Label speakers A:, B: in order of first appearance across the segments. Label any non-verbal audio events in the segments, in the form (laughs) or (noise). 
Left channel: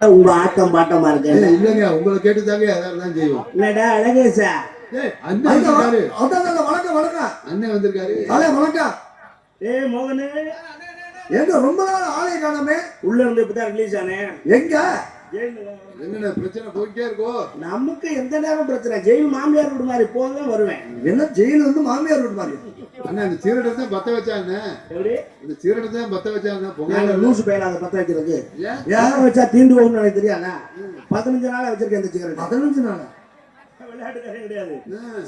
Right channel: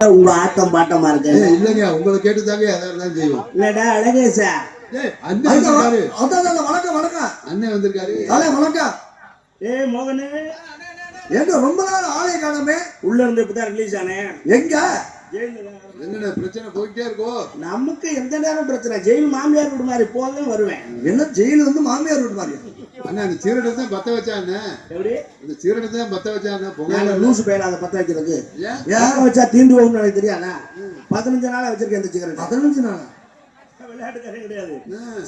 A: உங்க ஆட்டம் பாட்டமா இருக்கு.
B: இல்லைங்க உங்களை கேட்டுதாங்க எதாவது தான் செய்வோம்.
A: இல்லடா அழகேசா
B: அண்ணன் வந்திருக்காரு.
C: அதான் அதான், வணக்கம் வணக்கம்.
B: அண்ணன் வந்திருக்காரு.
C: அலே வணக்கம்.
A: ஏய் மோகனு.
C: எங்க ரொம்ப நாள் ஆலய காணமே.
A: உள்ள இருந்து இப்பதான் ரிலீஸ் ஆனேன்
C: எங்க?
B: என்னென்ன பிரச்சனை போயிட்டே இருக்கோ?
A: நமக்கு எந்த நேரம் பிரச்சனை? ஜெயில் மாமியார் வீடு மாதிரி போவேன் வருவேன்.
C: என்ன ஜெயில வந்து மாமியார் வீட்டு மாதிரி?
B: அண்ணா இந்த சீரடத்தை பத்த வச்சா என்ன
A: எப்படி
B: இந்த சீரடத்தை பத்த வச்சா என்ன
A: நாங்க
B: புகையில
A: லூசு பயில அதை பத்த வைக்கிறது
B: ஏன்?
A: யாரும் வச்சா தீண்டு போகும்னு எனக்கு தெரியாதா பதினஞ்சு நாளா வச்சிருக்கேன் இந்த சிகரெட்
C: பதினஞ்சு நாள்?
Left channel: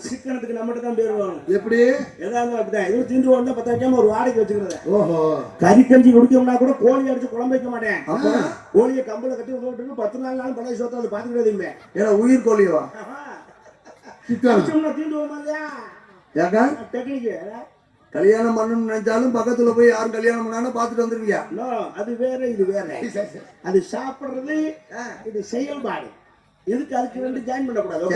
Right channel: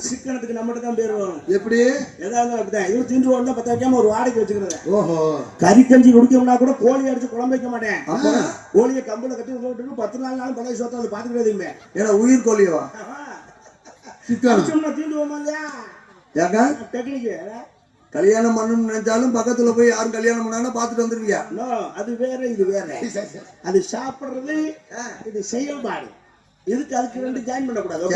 A: சிக்கனத்துக்கு நம்மகிட்ட தான் பேர் வரும்.
B: எப்படி?
A: ஏதாவது அப்படிதான். இது தீண்டு போகணும் பத்த வைக்காம ஒரு வாடகை வச்சுக்கிறத.
B: ஓஹோ.
A: கறி கஞ்சி குடிக்கணும்னா கூட கோழி அடிச்சு குழம்பு வைக்க மாட்டேன். கோழியை கம்பளை கட்டி போட்டு பத்து நாள் நாள் பழைய சொத்தை அதை பாத்துக்கிறதுமே
C: ஏன்னா உயிர் கோழியவா?
B: சிக்கனம்.
A: தீண்டு போமாங்க டெக்னிக்கு
C: கல்யாணம் பண்ணணும்னு நினைச்சாலும் பக்கத்துல போய் யாரும் கல்யாணம் பண்ணாலும் பார்த்துட்டு வந்துருவியா
A: நோ அது வேற இது வேற. அது சாப்பிடுறது இது செயல்பாடு எதுக்கு அதுக்கு ரெண்டு ஜாயின் பண்ணக்கூடாது?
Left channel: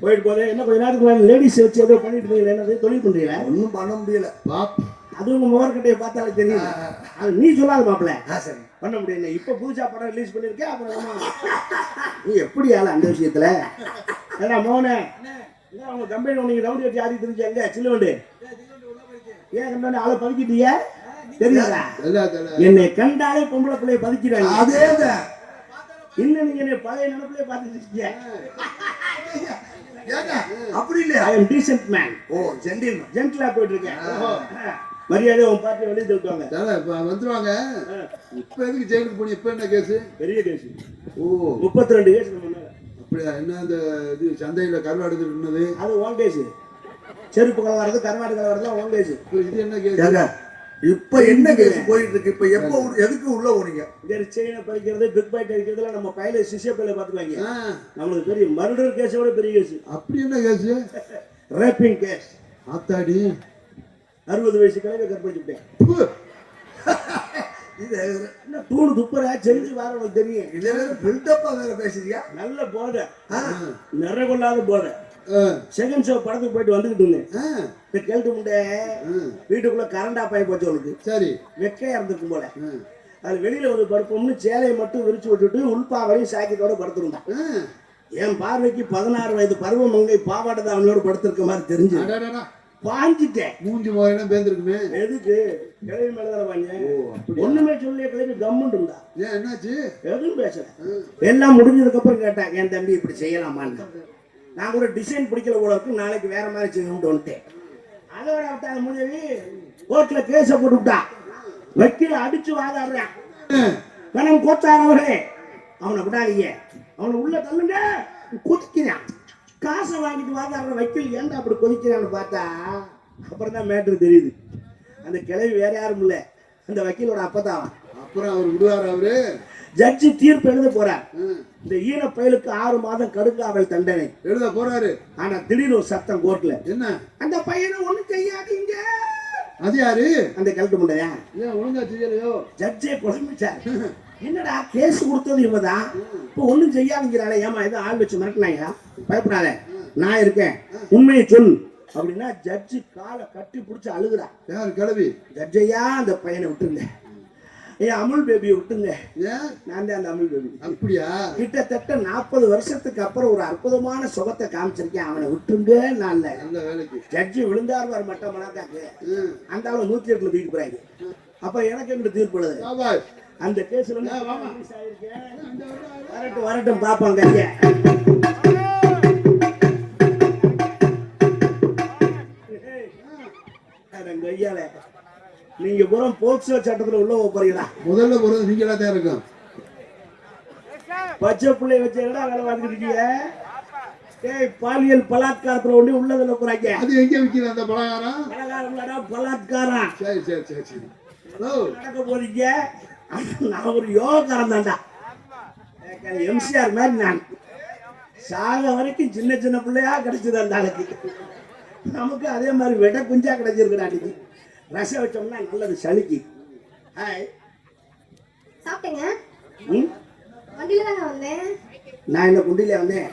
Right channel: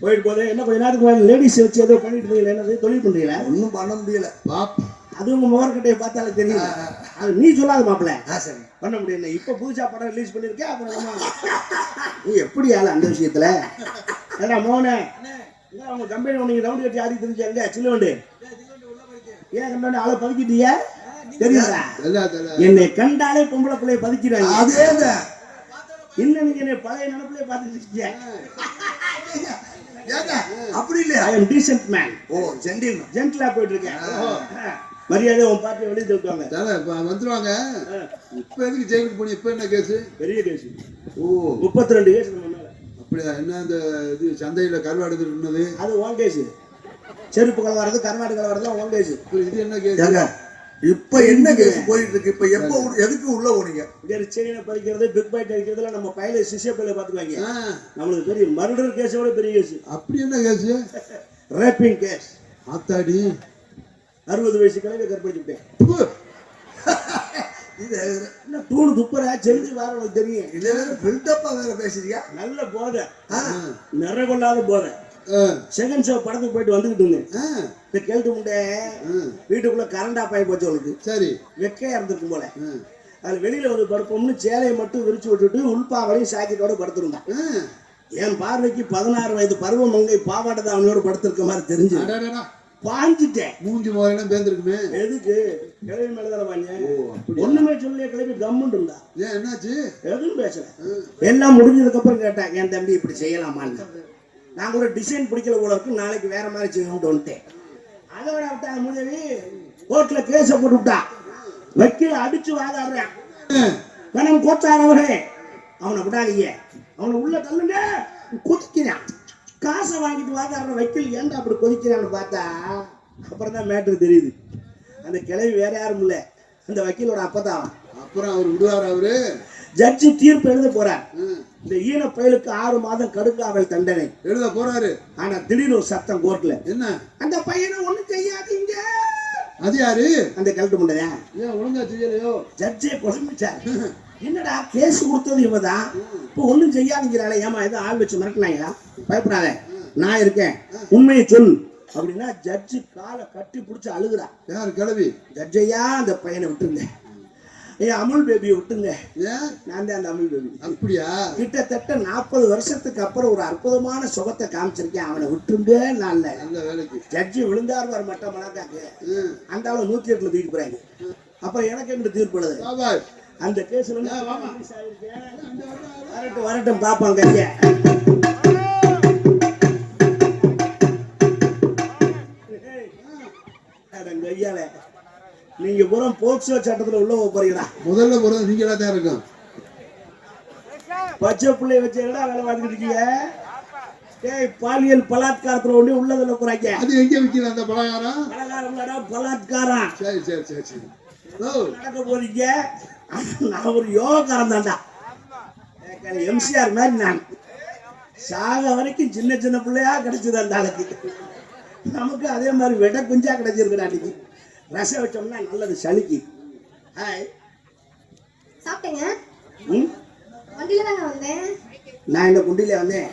A: போயிட்டு போது என்ன கொஞ்ச நேரத்துக்கு லேடிஸ் வச்சு ஏதோ பண்ணிட்டு இருந்தீங்களா என்னது தொழில் பண்றீங்களா?
C: ஒன்றும் பண்ண முடியல.
A: அது உங்க முகர்கிட்டயை பார்த்தாலே தெரியும் அது நீ சொல்லாத மாப்பிள்ள.
C: சரி.
A: பண்ண முடியல. இப்ப புதுசா படம் ரிலீஸ் பண்ணிருக்கேன் அப்புறம்? (laughs) நீ எப்படி ஆளு அந்த விஷயத்துல? மோனே. என்ன உங்க கம்பெனி உனக்கு ரவுண்ட் கட்டி ஆடி தெரிஞ்சு எங்க ஏன் கண்டானே ஆளை பதுக்கிட்டியா தெரியுதா? என்னை கண்டாலே பொம்பளை பிள்ளைய பதுக்கிறாங்க
C: அதேதான்
A: இன்னும் நீங்க என்னை பழைய நினைப்பிலே
C: அப்படி இல்லையா?
A: ஐ டீசென்ட் மேன்
C: ஓ ஜென்டில்மேன்
A: ஜென்டிலா போயிட்டு இருக்கேன் மரியாதை உன் பார்ட்டி வெளியே
B: தானே இப்ப வந்துருவாங்க. இப்ப எதுக்கு ஜெயிலுக்கு போனி இப்ப என்ன கேஸ்
A: பெரிய கேஸ்
B: ஓ.
A: முப்பத்தி ரெண்டு கேஸ்
B: அப்படியா? என்ன அந்த இது சந்தையில கருவாடு இருந்தது
A: அது கேஸ் செருப்பு கலவரது கர்நாடக கலவரது ஓன் கேஸ்
B: இப்ப இது என்ன கேஸ்?
C: இப்ப என்ன கேஸ் போயிட்டு இருக்கு இப்ப எப்ப எதுக்கு உள்ள
A: இங்க செயினை பறிக்கிறது பிக் பைட் அடிக்கிறதுல நம்ம பையில சிசிய பையில பாத்துக்குவாங்க நம்மளுக்கு பெரிய மர்டர் கேஸோட பெரிய கேஸ்
B: அப்படி என்ன கேஸ்
A: ரேப்பிங் கேஸ்
B: ஆத்தாடி.
A: அறுபது வயசு கிழமை கற்பழிச்சுட்டேன்.
C: இது
A: தூணு துப்புற? செஞ்சு வேற உனக்கு தெரியும்.
C: இதே பில்டப்பா வேற பேசுறியா?
A: நல்ல போதை. நிற கொள்ளாத போதை. செகண்ட் ஷோ படத்துக்கு போயிட்டு வந்துகிட்டு இருந்தேன். இந்த கேள்வி முண்டை. வீட்டுக்குள்ள கரண்ட் ஆஃப் ஆகி போச்சு அவளுக்கு
B: சரி.
A: வெக்கையா இருந்திருக்கும் போல. அது வெளியில வந்து படுப்போம்னு சேலையை மட்டும் விரிச்சு விட்டுட்டு உள்பாவரையும் சாக்கெட்டோட படுத்திருந்தான். என் பார்வைக்கு பதினாறு வயது பருவ மங்கை பாவாடை தாவணியோட படுத்திருக்க மாதிரி தெரிஞ்சு. பாஞ்சிட்டேன்
B: மூஞ்சி முறையெல்லாம் பேந்திருக்குமே?
A: எதுக்கு? கிளவி மேலதான
B: அப்படி
A: ஒண்ணுமே சொல்லிய கிளவி இருந்தா
B: ஏன் என்னாச்சு?
A: எதுவும் பேசல. எல்லாம் முடிஞ்சதுக்கு அப்புறம் கேட்டேன் என் தம்பி இப்படி செய்யலாமான்னு. நான் கூட டிசைன் பிடிக்கல இருக்கு நாளைக்கு வேற மாதிரி செய்யணும்னு வந்துட்டேன் அதோட விட்டாங்க முடிவி கோர்ட்ல கேஸ போட்டு விட்டான் வக்கீல் அடிச்சு வாதாடுறேன். கணம் கோத்தாரவரே அவனை விடாதீங்க. அவனை உள்ள தள்ளுங்க குதிக்கிறான். காசை வாங்கிட்டு வாதாடுற வக்கீல் ஏன்டா அப்படி கொதிக்கிறான்னு பார்த்தா அப்புறம் தான் மேட்ரு தெரியுது. அந்த கிளவி வேற யாரும் இல்ல. அந்த வக்கீலோட அப்பதான்.
B: அப்புறம் அவர் விடுவார் அவரு?
A: ஜட்ஜி தீர்ப்பு எழுத போறார். இந்த ஈன பயலுக்கு ஆறு மாதம் கடுங்காவல் தண்டனை.
B: எழுத போறாரு.
A: ஆனா திடீர்னு ஒரு சத்தம் கோர்ட்ல
B: என்ன?
A: அந்த பையனை ஒண்ணு செய்யாதீங்க
B: அது யாரு?
A: அந்த கழட்டு முடியா
B: ஏன் ஒழுங்கா செய்யலையோ?
A: ஜட்ஜே குழம்பிச்சார் (laughs) என்னடா கேஸ் கொடுத்தது இவதான் இப்போ ஒண்ணும் செய்யாதீங்கிறாளே ஏமா எதுவும் ஆள் வச்சு மிரட்டினாயா பயப்படாத நான் இருக்கேன். உண்மையை சொல். அப்படின்னா ஜட்ஜு காலை கட்டி பிடிச்சி அழுகுறா.
B: யார் கிளவி
A: ஜட்ஜையா அந்த பையனை விட்டுருங்க. ஏன் அமுல் பேபியை விட்டுங்க நான் தான் அந்த அமுல் பேபி
B: அப்படியா?
A: கிட்டத்தட்ட நாற்பது வருஷத்துக்கு அப்புறம் ஒரு அற்புதமான சுகத்தை காமிச்சிருக்கேன். அவனை விட்டுருங்க நான்.
B: நல்ல வேலைக்கு.
A: ஜட்ஜி விழுந்தார் வர மட்டம் மணக்காக்கு
B: ம்.
A: அந்த அளவு நூத்தி எட்டுல தூக்கிட்டு போறாங்க அப்புறம் எனக்கு என்ன தீர்ப்பு அந்த கேஸ்ல வரட்டும் வரட்டும் பாப்பாங்க நீங்க பூரா போக்சோ சட்டத்துல உள்ள போறீங்களா
B: முதல்ல போறது நீங்களா தான் இருக்கும்.
A: பச்சை பிள்ளைய வச்சு என்ன வேலை பார்த்துட்டு இருக்கீங்க? ஏய் பாலியல் பலாத்காரத்துல ஒண்ணு உள்ளதுல போறாங்க
B: அது எங்க விற்கிது அந்த பலகாரம்?
A: பலாத்காரம்.
B: சரி சரி சரி சரி.
A: நடக்க போறீங்க? நான் ஒரு யோகாரம் தான்டா எம்சிஆர் மாதிரி நான். சாக வரைக்கும் சின்ன சின்ன பிள்ளையா கிடைச்சது அந்த ஆளுக்கு நமக்கு அதே மாதிரி விட குஞ்சா கிடைச்சிருக்கு அன்னைக்கு. ரசம் வச்சோம்னா நல்லது சளிக்கு. ஹாய்
D: சாப்பிட்டேங்க? வண்டியில தாங்க வந்தேன்.
A: நான் இந்த குண்டியில வந்தேன்.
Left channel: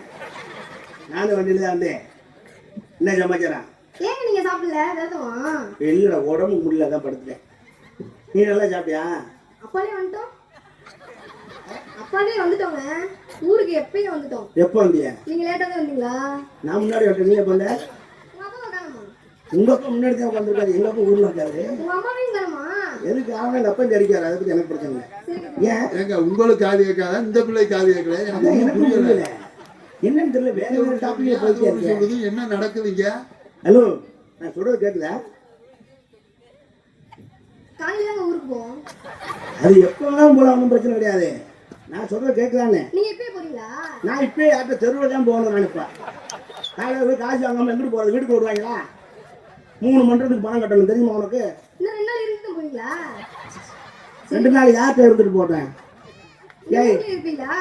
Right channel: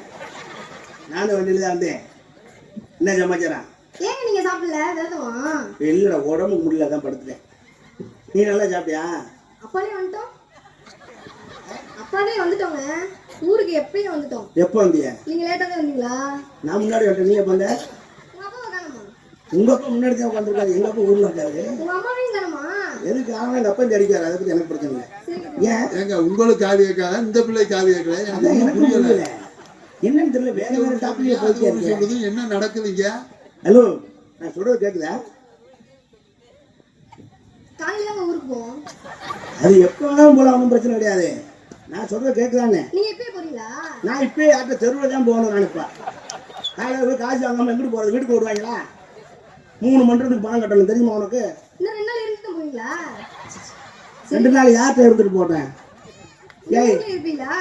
A: நானும் வண்டியில தான் வந்தேன். என்ன சமாச்சாரம்?
D: ஏங்க நீங்க சாப்பிடல? விரதமா
A: இல்லைடா உடம்பு முடியல தான் படுத்துட்டேன். நீ நல்லா சாப்பிட்டியா?
D: அப்பாலே வந்துட்டோம். அப்பாலே வந்துட்டோம் ஊருக்கு எப்பயும் வந்துட்டோம்.
A: எப்போ வந்தீங்க
D: நீங்க லேட்டா தான் வந்தீங்களா?
A: நான் முன்னாடி வரட்டும் நீங்க பண்ண
D: உங்க அப்பா
A: முன்னாடி தான் எங்க அப்பா ஊர்ல இருக்காரு.
D: உங்க அம்மாவையும் காணுமா
A: எதுக்கு? அவன் எங்க அப்பா அடிக்காரு அதை பத்தி எனக்கு பிரச்சனை ஏன்?
B: ஏங்க உங்களுக்கு காது கேட்காத இந்த பிள்ளை காது கேட்கல. எனக்கு புரியல.
A: என்னன்னு தெரியல. வேற வேற டாபிக்
B: என்ன நடக்குதுங்க
A: ஹலோ நான் சொல்றது கேக்குதா
D: காலையில தாங்க ஊருக்கு போவோம்
A: அது எப்போ வேணாலும் போல ஒன்றும் பிரச்சனை கிடையாது. நான் சொல்றது கேட்குதானே
D: நீங்க எப்பயே போறீங்களா?
A: நான் இப்போ யார்கிட்ட தெருவில் தான் போகணும் நினைப்பேன். காலையில் போய் காசு வாங்காம எங்கிட்டு போகிறது வீட்டுக்கு விடுவாங்களா மூணு மன்றத்துக்கு பணம் கட்டணும் தெரியுமா உனக்கு?
D: இன்னும் ரெண்டு நாள் இருந்துட்டு போவீங்களா
A: ரெண்டு நாள் யார்கிட்ட எடுத்துட்டு போட்டேன் ஏய்
D: இருப்பீங்களா?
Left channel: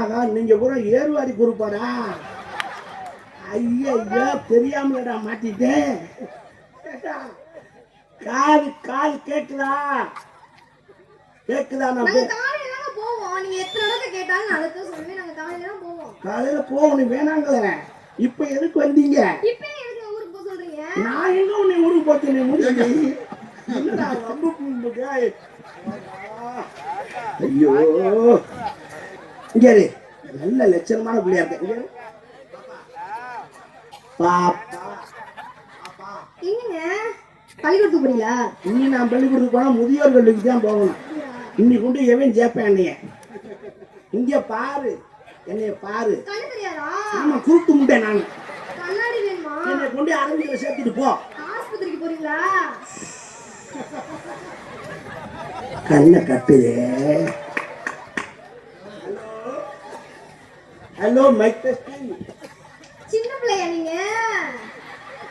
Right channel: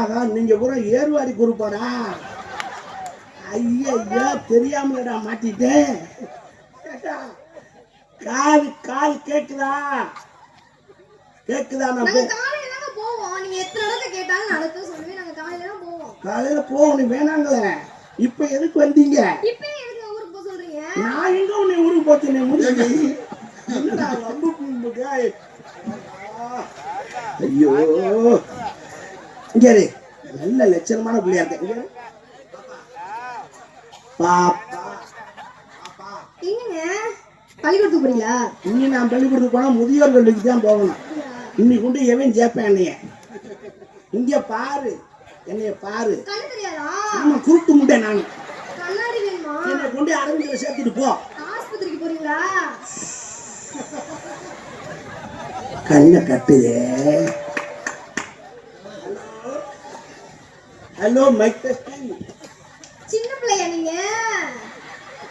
A: ஆகா நீங்க பூரா ஏறுவாடி குரூப்பாடா ஐயா ஐயா தெரியாமலடா மாட்டிட்டேன். கால் கால் கேக்குதா? கேக்குதா நான்
D: போவோம். நீங்க எத்தனை தடவை கேட்டாலும் நாங்க காலையில தான் போவோம்.
A: காலையில போகணும் வேணாங்களே இப்ப எதுக்கு வந்தீங்க?
D: இப்பயே எதுக்கு ஊருக்கு போக சொல்றீங்க?
A: நான் எங்க உன்னை ஊருக்கு போச்சு என்னடா ரொம்ப கும்பிட்டா? ஐயோ. இங்க. நல்ல லட்சணமான பிள்ளையா இருக்க இங்க இரு. பாப்பா.
D: பள்ளிக்கூடத்துக்கு போறீங்களா?
A: இனி நான் பள்ளிக்கூடத்துக்கு போனா முதியோர் கல்விக்கு தான் போகணும். இன்னைக்கு கொண்டு எவன் ஜேப்பேன் என்னைய? இங்க பாரு. என்னைய பாரு. ஆமா கூப்பிட்டு முட்டேன் நான். என்னை கொண்டு அரங்கில சேர்த்துட்டு போ.
D: ஆஸ்பத்திரிக்கு போறீங்களா?
A: கண்ணை கட்டுதே. ஹலோ மைக் டெஸ்டிங்
D: சின்ன பிள்ளையா நீங்க?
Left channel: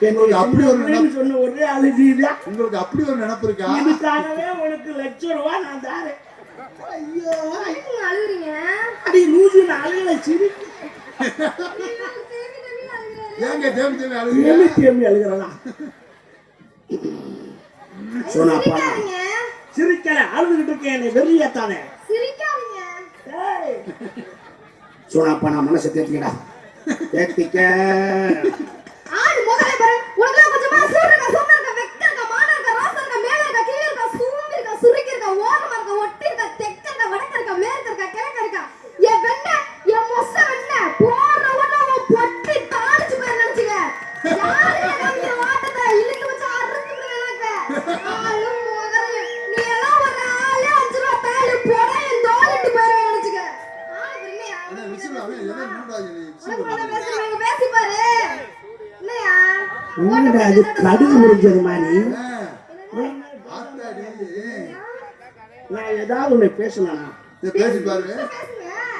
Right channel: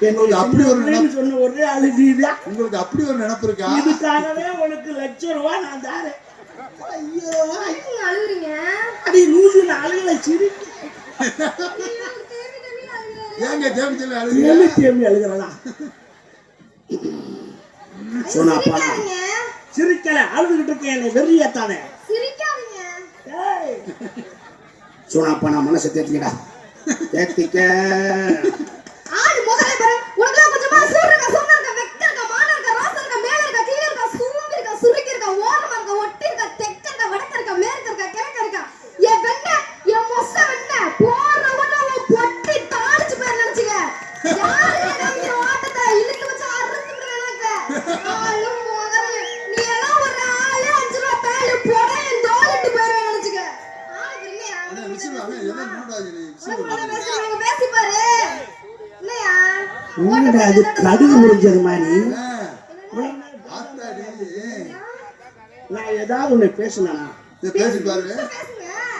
A: என்னுடைய
B: அப்படி ஒரு
A: அப்படி சொன்ன ஒரே அழுதிதா
B: உங்களுக்கு அப்படி ஒரு நினைப்பு இருக்கா?
A: இதுக்காகவே உனக்கு லட்சம் ரூபாய் நான் தாரேன். ஐயோ.
D: அழுகுறீங்க?
A: அடி லூசு அழுகல சிரி.
B: ஏங்க தேவி தேவி
A: தேமி அழுகிறதா சோனாப்பா
D: சிரிக்காதீங்க.
A: சிரிக்கல. அழுதுகிட்டு இருக்கேன் என்னை வெறியத்தானே.
D: சிரிக்காதீங்க.
A: சோனாப்பா நான் மனசை தேத்திக்கடா தேத்திக்க.
B: பாருங்க.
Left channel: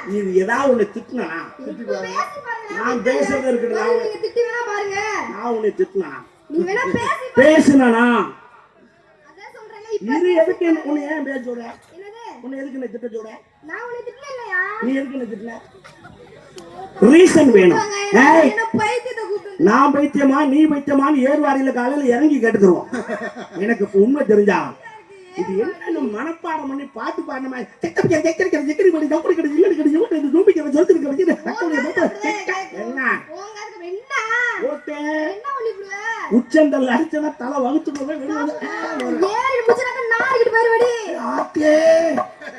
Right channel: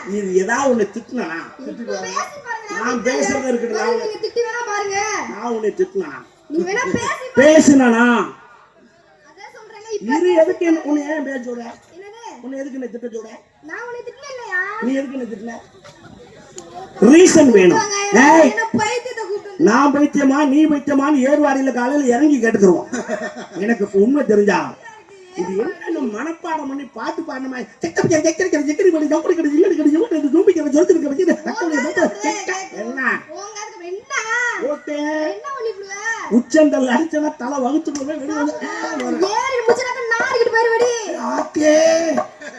A: நீ ஏதாவது ஒண்ணு திட்டினா
B: திட்டி பாருங்க.
A: நான் பேசுறது இருக்கட்டும் நான்
D: நீங்க திட்டி வேணா பாருங்க.
A: நான் உன்னை திட்டினா.
D: நீ வேணா பேசி
A: பேசினா
D: அதான் சொல்றேங்க இப்ப
A: இது எதுக்கு என்ன- உன்னை ஏன் பேச சொல்ற? உன்னை எதுக்கு என்ன திட்ட சொல்ற?
D: நான் உன்னை திட்டல இல்லையா?
A: நீ எதுக்கு என்ன திட்டல? ரீசன் வேணும். ஏய் நான் பைத்தியமா நீ பைத்தியமான்னு ஏர்வாடியில காலையில இறங்கி கேட்டுக்கிறோம் எனக்கு உண்மை தெரிஞ்சா இது என்ன மனப்பாடம் பண்ணி பாட்டு செக்கடிக்க செக்கடி பண்ணி ஜம்படி கடி
D: அதுக்கு என்ன?
A: ஓகே
D: என்ன? பண்ணிடுவ
A: உச்சந்தல் அடிச்சனா தலை வகுத்து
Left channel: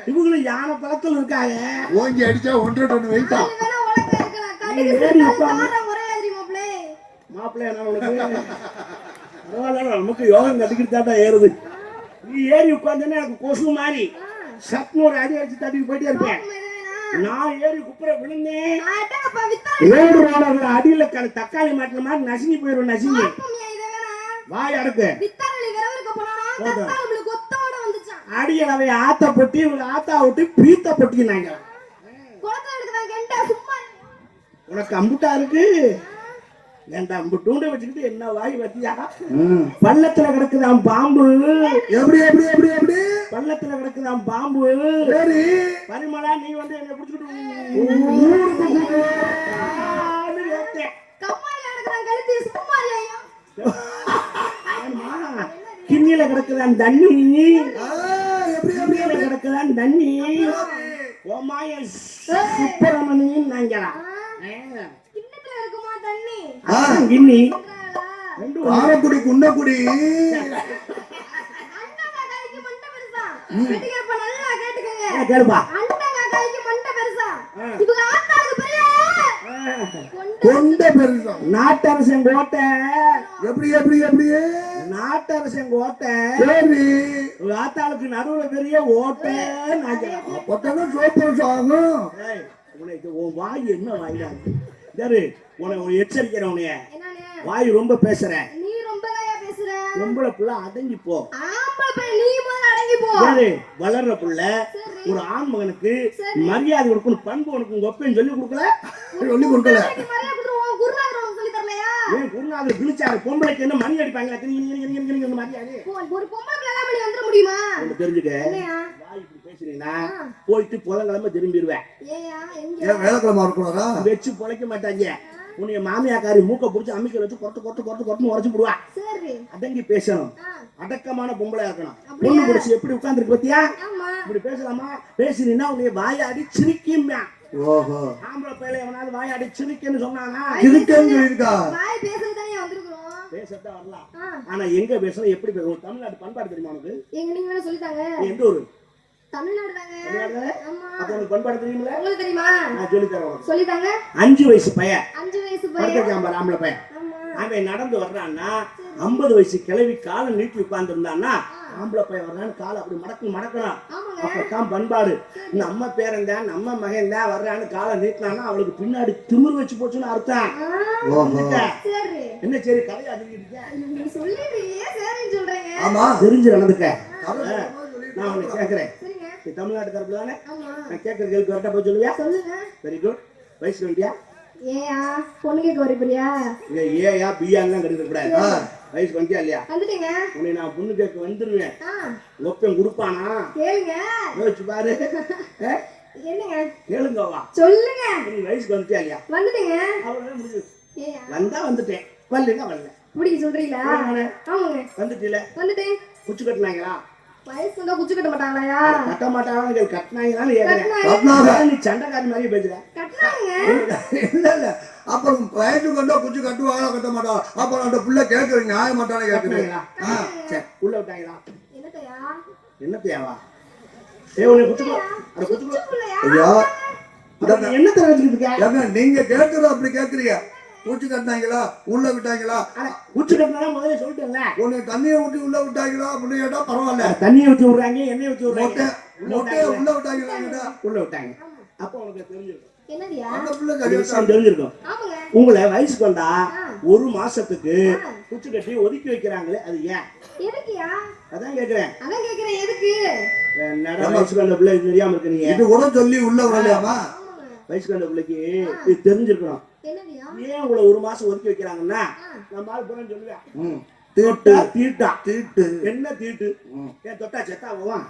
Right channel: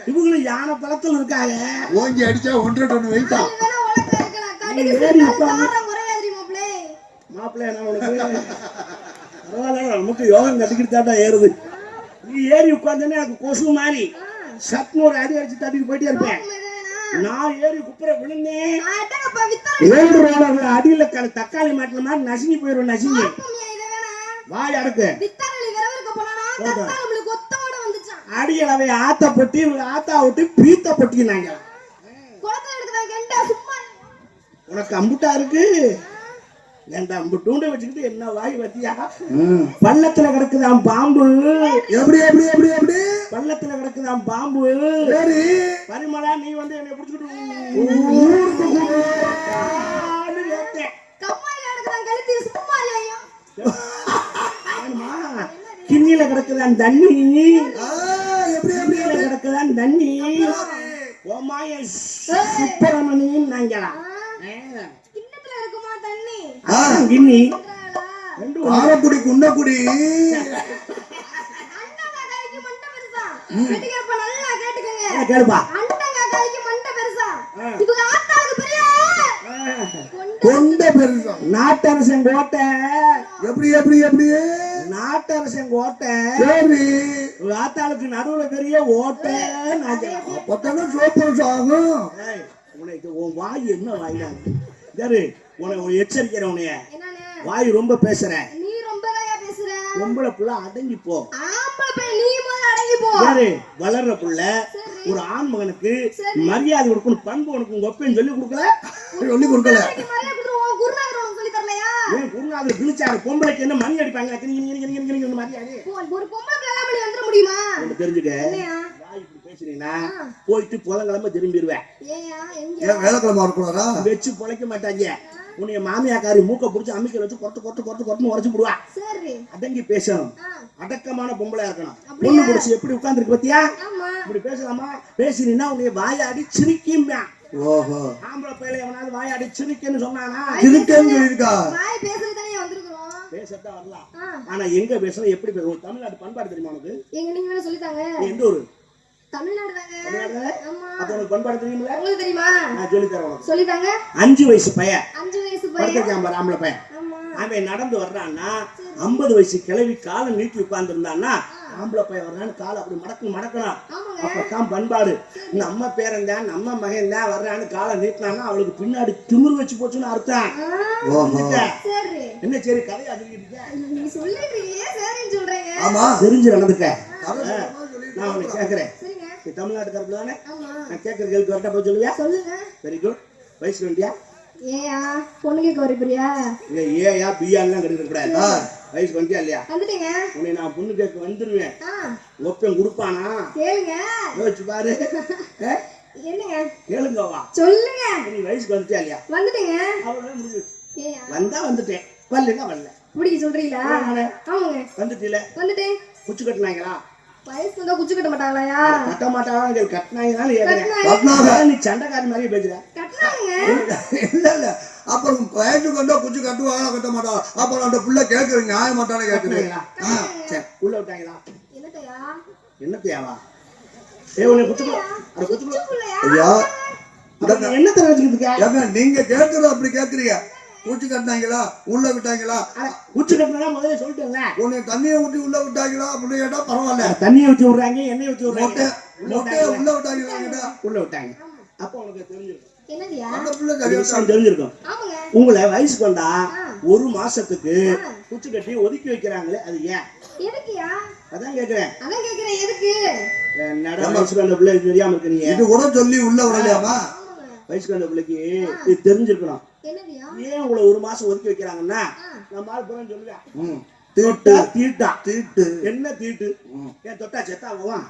A: இவங்களும் யானை தளத்துல இருக்காங்க.
B: ஓங்கி அடிச்சா ஒன்றரை
D: குறையாது தெரியுமாப்ளே
A: மாப்பிள்ளையா நமக்கு யோகம் கட்டிக்கிட்டு தாண்டா ஏறுது. நீ ஏறி உட்கார்ந்தேன்னா எனக்கு கொசு மாதிரி. சட்னு ஒரு அடி அடிச்சு தட்டிட்டு போயிட்டே இருப்பேன். நான் ஏறி குப்புற விழுந்தேன் ஏழு ரோலர்கள் அடியில தக்காளி மாட்டின மாதிரி நசுங்கி போயிடும் நசுங்கி. வாய்
D: ஒத்தோட வந்துச்சான்
A: அடியளவை ஆத்த பொட்டி ஆத்தா விட்டு பீத்த பொட்டினாங்க. உனக்கு அம்புட்டா இருக்கு. ஏன்டா அம்புட்டூண்ட வச்சுக்கிட்டு என்ன வாய் வத்தியா? பள்ளத்துல கிடக்குதாம் பாம்பு.
C: எப்படி எப்படி எப்படி எப்படி?
A: பள்ளத்துல கிடக்குதாம் பாம்பு.
C: சரி.
A: பரிமளா நீ வந்து என்னை ஆமா. கிண்ணில கிடக்குதான் தண்ணி.
C: ஆ, எப்படி எப்படி
A: கிண்ணில கிடக்குதான் தண்ணி. ஓமாய
D: இருக்குமா தண்ணி பெருசா. பெருசா.
A: ஆ.
D: இது
C: கொண்ட பெருசம்
A: நாட்டரசன் கோட்டை.
C: எப்படி எப்படி எப்படி?
A: நாட்டரசன் கோட்டை.
C: சரி
A: வாத்தாளுக்கு நடுவுல பெரிய ஓட்டை.
C: அப்பத்தானே சோப்பு
A: ஏய், உனக்கு உன் வாய் என்ன வாயிடா சரி உனக்கு உன்னை எச்சரிக்கிறேன்
D: என்னண்ணே?
A: வாய் ரொம்ப பேசுற
D: நீ ரொம்ப தாயா பேசுற?
A: பொம்பளை புள்ள அடங்கி போ. யாரு? வளர்ற புள்ள. ஒரு ஆண் மகனுக்கு மரியாதை கொடுக்கணும் பண்பு உனக்கு உங்க ஒப்பேன்னு சொல்லி கொடுக்கல?
C: சொல்லி கொடுக்கல.
D: உனக்கு (laughs)
A: ஏன் குருநாதர் கிழிச்சாரு பொம்பளைக்கு என்ன மணி அடிப்பாங்க உனக்கு தெரிஞ்சுக்க. பேசுறீங்கன்னா போயிட்டு புதன்கிழமை திரும்பிடுவேன்.
D: ஏயா எங்க
C: ஏன் வேலைக்கிழமை இருக்கக்கூடாதா
A: வச்சு பொழைக்க மாட்டாங்க. உன்னைய மாமியாக்காரி மூக்க பிடிச்சி அமைக்க வச்சு கொட்டு கொட்டு கொட்டு கொட்டுன்னு உடச்சு
D: சரி.
A: அடங்கி பேசணும். அடக்கமான பொம்பளையா இருக்கணும்? பொண்ணு பிடிச்சி எப்படி உட்கார்ந்துருக்கு பாத்தியா?
D: ஆமா.
A: இப்படி பேசலாமா? பேசினா உன்னைய வாயாடி சிரிக்கும்
C: ஓஹோ.
A: ஆம்பளை பையில எவனாவது வாயாடி சிரிக்கன்னு சொன்னானா?
D: வந்திருக்கிறோம்.
A: பேசத்தான் வரலாம். ஆனா எங்க பேசணும் எப்படி பேசணும் தமிழ்நாடு பண்பாடு தெரியுமா உனக்கு?
D: எங்க நீங்க
A: நீ எந்த ஊரு? அஞ்சு வயசு பையன்.
D: அஞ்சு வயசு பையன்.
A: அவன் நடந்து வர்றான்னா ஐம்பது வயசு கிளவி காலை நீட்டி உட்கார்ந்து இருந்தான்னா ஆம்பளை பையன் வர்றான்னு காலை அப்படி மடக்கு மடக்கலாம்
D: ஆமாங்க.
A: அப்பதான் பண்பாடு. நம்ம பேரன் தான் நம்ம மகன் தான் வர்றான்னு காலை நீட்டினான்னா அவளுக்கு பின்னாடி திமிரு வச்சு போச்சுன்னு அர்த்தம். என்ன சரி கதையா
C: ஆமா
A: தெரிஞ்சு நடந்துக்க. நான் உன்னை கேட்கறேன் நீ தமிழ்நாட்டுக்காரப்பு தானே?
D: ஆமா.
A: நான் கேட்கற கேள்வி கரெக்டா போய் சொல்லுவியா?
D: சொல்லுங்க.
A: வெரி குட் வயசு வேண்டியா
D: ஏயா பொண்ணு கேட்க வரப்படியா
A: இல்ல ஏயா பிஆர்லாம் கிடைக்க கூடாது வயசு வந்தியா இல்லையா?
D: வந்துட்டீங்க.
A: உன்னை நான் பொண்ணு கேட்க வந்துருவேன். ஒப்பன் கொடுப்பானா?
D: கேளுங்க.
A: யோசிச்சு பாரு.
D: என்னங்க?
A: கேளுங்க வா.
D: சொல்லுங்க.
A: நீ வயசுக்கு வந்துட்டியா இல்லையா?
D: வந்துட்டீங்க.
A: அவ்வளவுதான் முடிஞ்சு வந்தா வந்துட்டேன். வரலன்னா வரல.
D: இப்படி சொல்றீங்களா? ஆமாங்க.
A: வந்துட்டீல?
D: வந்துட்டேன்.
A: குச்சி கட்டினாங்களா?
D: வயசு வந்தா குச்சி கட்ட மாட்டாங்களாயா
A: கட்ட மாட்டாங்க கட்டினாங்களான்னு கேட்கிறேன்
C: கட்டினாங்க.
A: நீ சண்டைக்காரி மாதிரி பேசுற.
C: இல்ல இல்ல. அப்புறம் வயசுக்கு வந்தா குச்சி கட்டுவாங்க கட்ட மாட்டோம் அப்புறம் அந்த புள்ள கேட்கறது நியாய மாட்டானே கேட்குது.
A: கட்டினாங்களா? சரி. உள்ள விட்டாங்களா?
D: என்னத்தையா
A: என்ன தேவா ஏ குச்சி குச்சி
C: ஐயா
A: என்ன தெரிஞ்சுக்கிட்டு
C: நீங்க கேட்கறது அப்படி கேட்கறீங்க. குச்சி கட்டினாங்களா? உள்ள விட்டாங்களா?
A: குச்சி கட்டினா முதல்ல சொல்லிட்டேன்ல
C: உன்னை தண்ணியை ஊற்றி உள்ள விட்டாங்களா அப்படின்னு கேட்டா பரவாயில்ல.
A: தண்ணியை ஊற்றி விடுறாங்க எண்ணெய் ஊற்றி
C: மொட்டை
A: விடுறாங்க
C: மொட்டையை உள்ள விட்டாங்களா
A: உள்ள விட்டாங்க. அப்போ உனக்கு தெரிஞ்சிருக்கும்.
C: புள்ள
A: தெரிஞ்சிருக்கும். உங்களை வயசுக்கு வந்தா ஒரு மாசத்துக்கு குச்சி கட்டி ஒதுக்கி வைக்கிறாங்களே அது ஏன்?
D: எதுக்குயா?
A: அதான் கேக்குறேன்.
D: அதான் கேக்குறேன் எதுக்கு?
A: நட வயசுக்கு வந்த பிள்ளைக்கு தெரியாம இருக்கிறீங்க
C: இது கூட சொல்லி உள்ள விடலையாமா?
A: வயசுக்கு வந்த பிள்ளைக்கு இது தெரிஞ்சிருக்கணும். ஏன் உங்களை ஒரு மாசம் ஒதுக்கி வைக்கிறாங்கன்னா நம்ம ஆள் புறம் சொல்லுவேன்
C: ம்.
A: தீட்டா தீட்டா.
C: தீட்டு.
A: என்ன தீட்டு?
C: ம்.
A: ஏன் தொட்டா செத்தா போவான்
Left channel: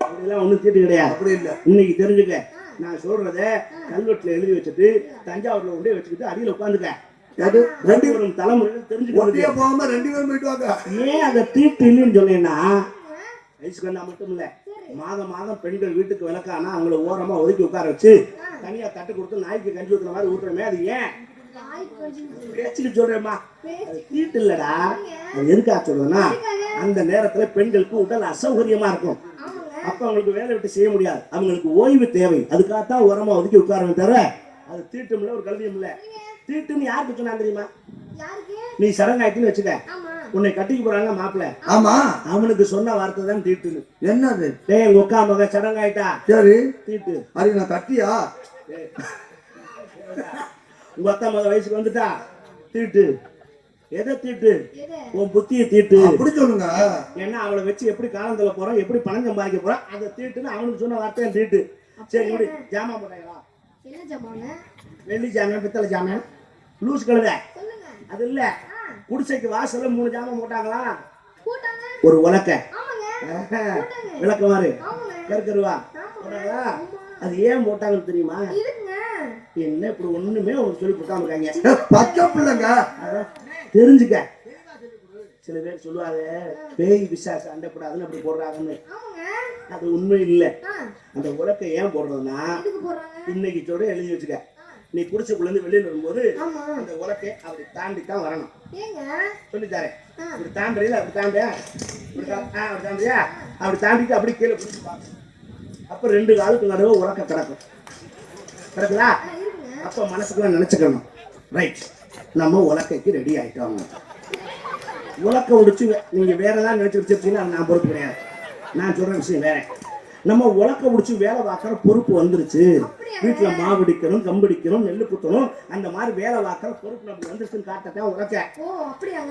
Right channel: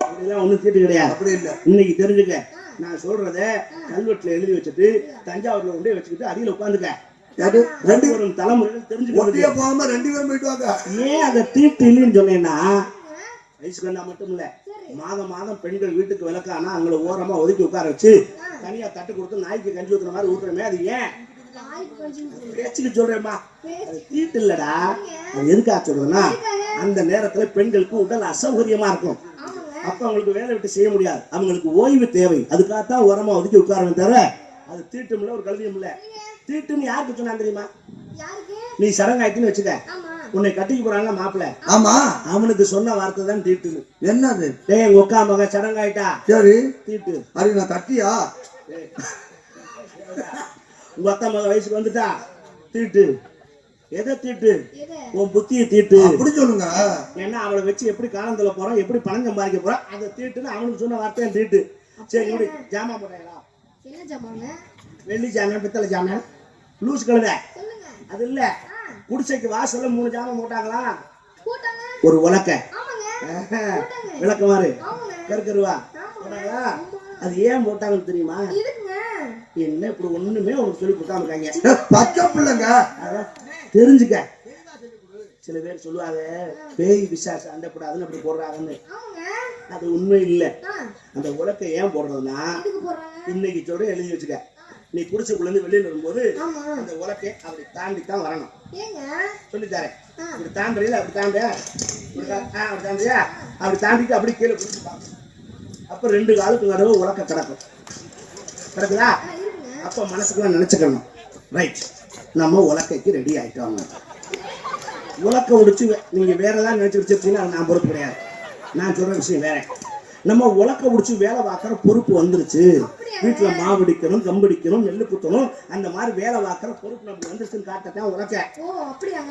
A: அப்படிலாம் ஒண்ணும் தீட்டு கிடையாது.
C: அப்படி இல்ல.
A: இன்னைக்கு தெரிஞ்சுக்க. நான் சொல்றத கல்வெட்டுல எழுதி வச்சுட்டு தஞ்சாவூர்ல கொண்டே வச்சுக்கிட்டு அடியில உட்காந்துக்க.
C: அது
A: ரெண்டு ஒரு தலைமுறையில்
C: ஒட்டியே போகாம ரெண்டு பேரும் போயிட்டு வாங்க.
A: ஏன் அந்த தீட்டு இல்லைன்னு சொன்னேன்னா வயசுக்கு வந்தா மட்டும் இல்ல. மாதம் மாதம் பெண்கள் வீட்டுக்கு விளக்கானா அவங்கள ஓரமா ஒதுக்கி உட்கார வச்சு தனியா தட்டு கொடுத்து நாய்க்கு கஞ்சி ஊத்துற மாதிரி ஊத்துறமே அது ஏன்? பேச்சுக்கு சொல்றேம்மா. தீட்டு இல்லடா. அது எதுக்கா சொல்றேன்னா அந்த நேரத்துல பெண்களுக்கு உடல் அசௌகரியமா இருக்கும். அப்ப அவங்களுக்கு வேலை விட்டு செய்ய முடியாது. அவங்களுக்கு ஓய்வு தேவை. அதுக்காகத்தான் உரமா ஒதுக்கி உட்காரணும் தவிர அது தீட்டும் இல்ல ஒரு கல்வியும் இல்ல தீட்டுன்னு யாருக்கு சொன்னா தெரியுமா? நீ சடங்காயிட்டுன்னு வச்சுக்க. உன்னை கட்டிக்கு போறான்ல மாப்பிள்ள.
C: ஆமா.
A: அவனுக்கு சொன்ன வார்த்தை தான் தீட்டுன்னு
C: என்னது?
A: டேய் உக்கா மகன் சடங்காயிட்டா?
C: சரி.
A: தீட்டு.
C: அது நான் கட்டியா?
A: உங்க அக்கா மகன் வயசுக்கு வந்துட்டா? தீட்டு. எதை தீட்டு? உன் புத்தியை தீட்டு.
C: அப்படி சொல்லுங்க.
A: ஏன்னா அவளை வச்சு எப்படி காலம் தள்ள போறோம் எப்படி பணம் சம்பாதிக்க போறோம் அதை தீட்டுன்னு அவனுக்கு சொன்ன வார்த்தை தீட்டு. சரி இப்படி ஜாமான் போட்டாங்களா வெள்ளி ஜாமான் பித்தளை ஜாமான். லூஸ் கழுத. அது இல்ல. குடிசைக்கு வாசல்ல மூணு ஜாமான் போட்டாங்களா? ஒரு உலக்க விளக்குமாறு கருக்கருவா. போட்டாங்களா? அது ஏன் போட்டாங்கன்னு தெரியுமா? என்ன இப்படி ஒண்ணுமே உனக்கு சொல்லி கொடுக்காம இருக்காங்க?
C: பச்சை பிள்ளைங்க.
A: தெரிஞ்சுக்க. சில பேர் சொல்லுவாங்க பேய் விசாச அண்டப்படாதுன்னு அப்படி போடுறாங்கன்னு. அது உண்மை இல்லை. அந்த உலக்கை ஏன் போடுறதுன்னா இன்னைக்கு சொல்ற எழுதி வச்சுக்க. நீ குடிசைக்குள்ள இருந்து வெளியில வரும்போது அந்த உலக்கை அப்படி தாண்டி தான் வரணும் சொல்லித்தாரேன். இப்படி தாண்டுறீல அப்படி தாண்டியா? அப்படி தாண்டியா? அப்படி தாண்டிட்டு அப்படி கீழே குடிச்சு பார்க்கணும். அப்ப ரெண்டு காலுக்கு நடுவு உலக்க கிடக்கும். கிடக்குதா? அப்ப மனசுக்குள்ள நினைச்சுக்கணும். ரைட் நம்ம உலக்கைக்கு ரெடி ஆயிட்டோம். உலக்க உடிச்சு வே- நீங்க வேற ஏதாவது நினைச்சு வச்சிருக்கீங்கன்னா நான் பொறுப்பு கிடையாது. நான் சொல்ற விஷயம் வேற. நம்ம உலக்க உடிச்சு வேலை பார்க்குற பொறுப்பு வந்துருச்சு. வீட்டுல மாவடிக்கணும் கம்படிக்கணும் நெல்லு குத்தணும் அந்த மாதிரி வேலை பார்க்குற பொறுப்பு நமக்கு வந்துருச்சுன்னு காட்டத்தான் உலக்க.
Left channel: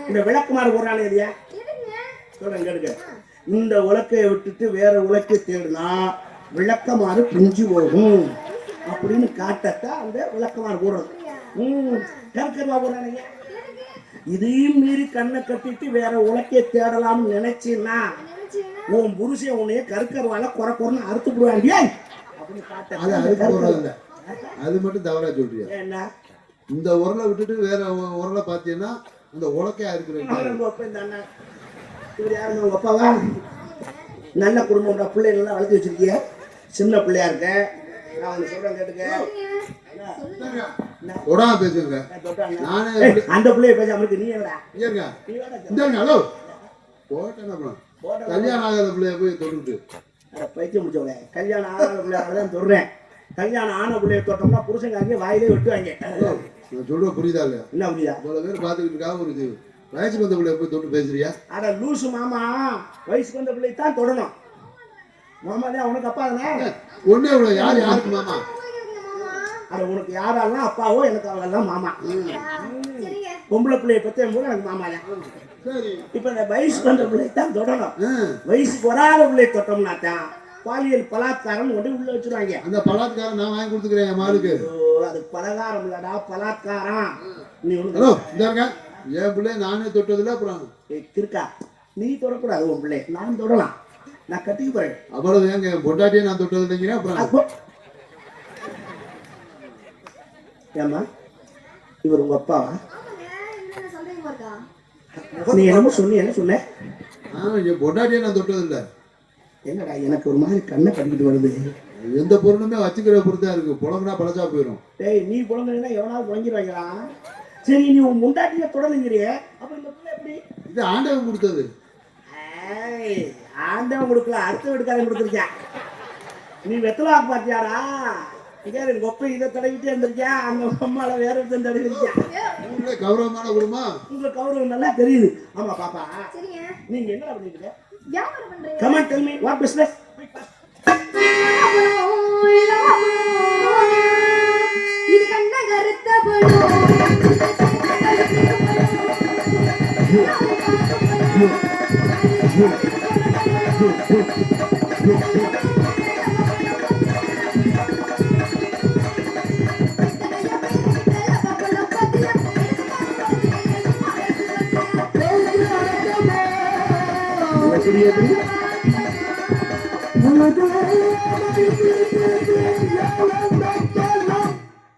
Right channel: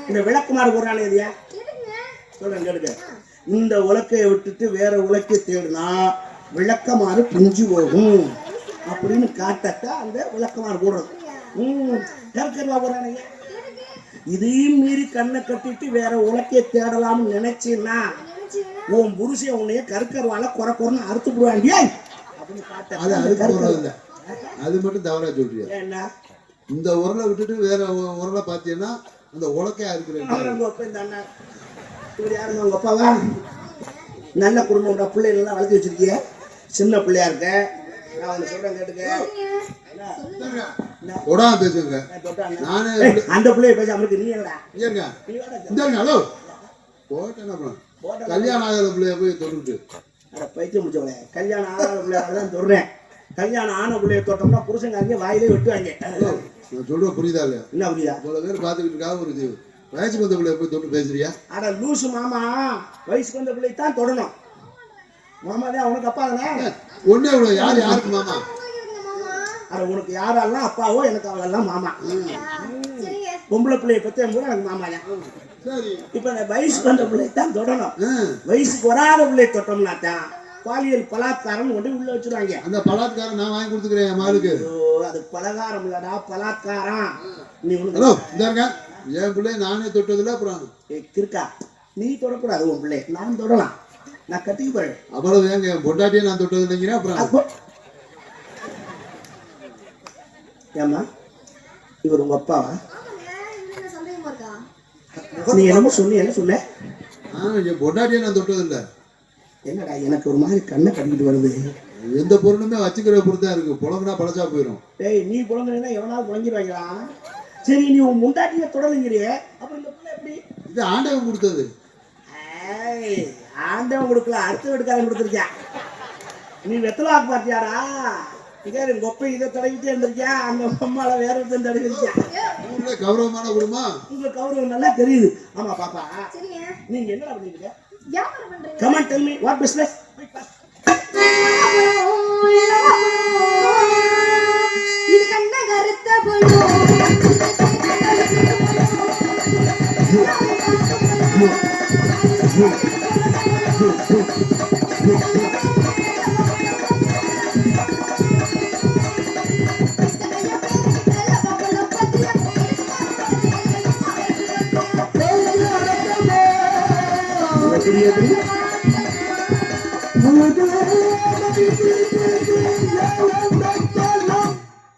A: இந்த விளக்குமாறு போடுறானே இல்லையா கேளுங்க. இந்த உலக்கையை விட்டுட்டு வேற உலக்கை தேடினா விளக்கமாறு பிஞ்சு போகும் அப்படின்னு காட்டத்தான் அந்த விளக்கமாறு போடுறது ம் கருக்கருவா போடுறானுங்க இதையும் மீறி கண்ணை கட்டிட்டு வேற உலக்கையை தேடலாம்னு நினைச்சீன்னா உன் புருஷன் உன்னைய கருக்கருவால குறை குறைன்னு அறுத்து போடுவாங்க அப்படின்னு
B: அது இல்ல. அது மட்டும் தவறா சொல்றியா?
A: என்ன
B: இந்த உரலை விட்டுட்டு வேற உரலை பார்த்தீங்கன்னா அந்த உலக்கையா இருக்கிற
A: அவங்க அப்பா இந்த அண்ணன் இவர் யாருங்க உங்க அப்பாவா? நல்ல குடும்பம்டா பிள்ளை நல்லா வளர்த்து வச்சிருக்கிய. சின்ன பிள்ளையா இருக்க. நான் உனக்கு சொல்றேன் கேட்டுக்க.
B: உடாம பேசுங்க.
A: நான் அந்த பிள்ளைய பேச அவனுக்கு நீ என்னடா
B: ஏங்க
A: நீ வாடா.
B: இந்த ஹலோ. போட்டேன் அப்புறம். கல்யாணம் ஆகாத பிள்ளைய போய் தொட்டுட்டு
A: பைத்தியம் முடிச்சவளே கல்யாணம் ஆன பிள்ளைய தான் சொல்றேன் கல்யாணம் ஆன பிள்ளைய தொட்டோம்னா புருஷங்காரங்க வாயிலே வெட்டுவாங்க.
B: நான் சொல்ற புரியுதா இல்லையா?
A: என்ன புரியுதா?
B: இவ்வளவு பேர் பார்த்துக்கிட்டு இருக்காங்க ஒரு வயசுக்கு வந்த பிள்ளைய போய் தொட்டு பேசுறியா?
A: அட லூசு மாமா. வயசுக்கு வந்த பிள்ளை தான் தொடணும். மாமா தான் அவனுக்கு அப்பா தானே?
B: ஒன்னே இவ்வளவு யார் யாருக்கு மாமா?
A: அட உனக்கு யாரெல்லாம் அப்பாவோ எனக்கு அவளெல்லாம் மாமா. பொம்பளை பிள்ளைய பத்தி எனக்கு மாமா தான் இப்ப இந்த வயசுக்கு வந்த பிள்ளை தான் தொடணும். வயசுக்கு வராத பிள்ளை தொட்டோம்னா தான் பாலியல் பலாத்காரம் கொண்டு உள்ள வச்சிருவாங்க.
B: அந்த பலாத்காரம் நான் வாங்கி கொடுத்துக்கிறேன் மாலுக்கு.
A: அது பலகாரம் இல்லடா பலாத்காரம். நீ
B: ஹலோ இந்தாருங்க என் பிள்ளைய நானே தொட்டதில்ல அப்புறம்?
A: கிறுக்கா நீ தொடக்கூடாது உன் பிள்ளை நான் தொடலாம். நான் கட்டிக்கு போறேன்.
B: அவ்வளவு என் பொண்டாட்டியே நான் தொட்டது இல்லைங்கிறேன் அப்புறம்?
A: அப்போ. ஏம்மா இவர் உங்க அப்பாவா? நீ என்னமோ சொன்னி என்ன சொன்ன
B: என் பொண்டாட்டியே நான் தொட்டது இல்ல
A: என்னடா எனக்கு ஒரு மாதிரி கண்ணை கட்டிக்கிட்டு வருது.
B: எந்த பொருளுமே வச்சுக்கிற தான் இருக்கு. புலம்புனா பழசா போயிடும்
A: டேய் நீ குழந்தைன்னா எவனாவது குழஞ்சிருவாங்களா சரி நீ உன் முண்டாட்டிய தொடலைங்கிறிய அப்ப இந்த பிள்ளை எப்படி?
B: இது ஆண்டவன் கொடுத்தது.
A: ஆண்டவன் கொடுக்கல அடுத்த வீட்டுக்காரன் கொடுத்துருக்கேன். நீ வெத்தலா பாத்தியாடா இங்கே கொப்பை இதை தடவிட்டே இருந்திருக்கியா அந்த அம்மாவை வேற ஒருத்தன் தடவிருக்கேன்
B: கௌரவமான குடும்பம்?
A: உங்க கௌரவம் நல்லா தெரியுது. ஆமா பாப்பா. நீங்க என்ன
D: பண்றீங்க?
A: Come on tell me what business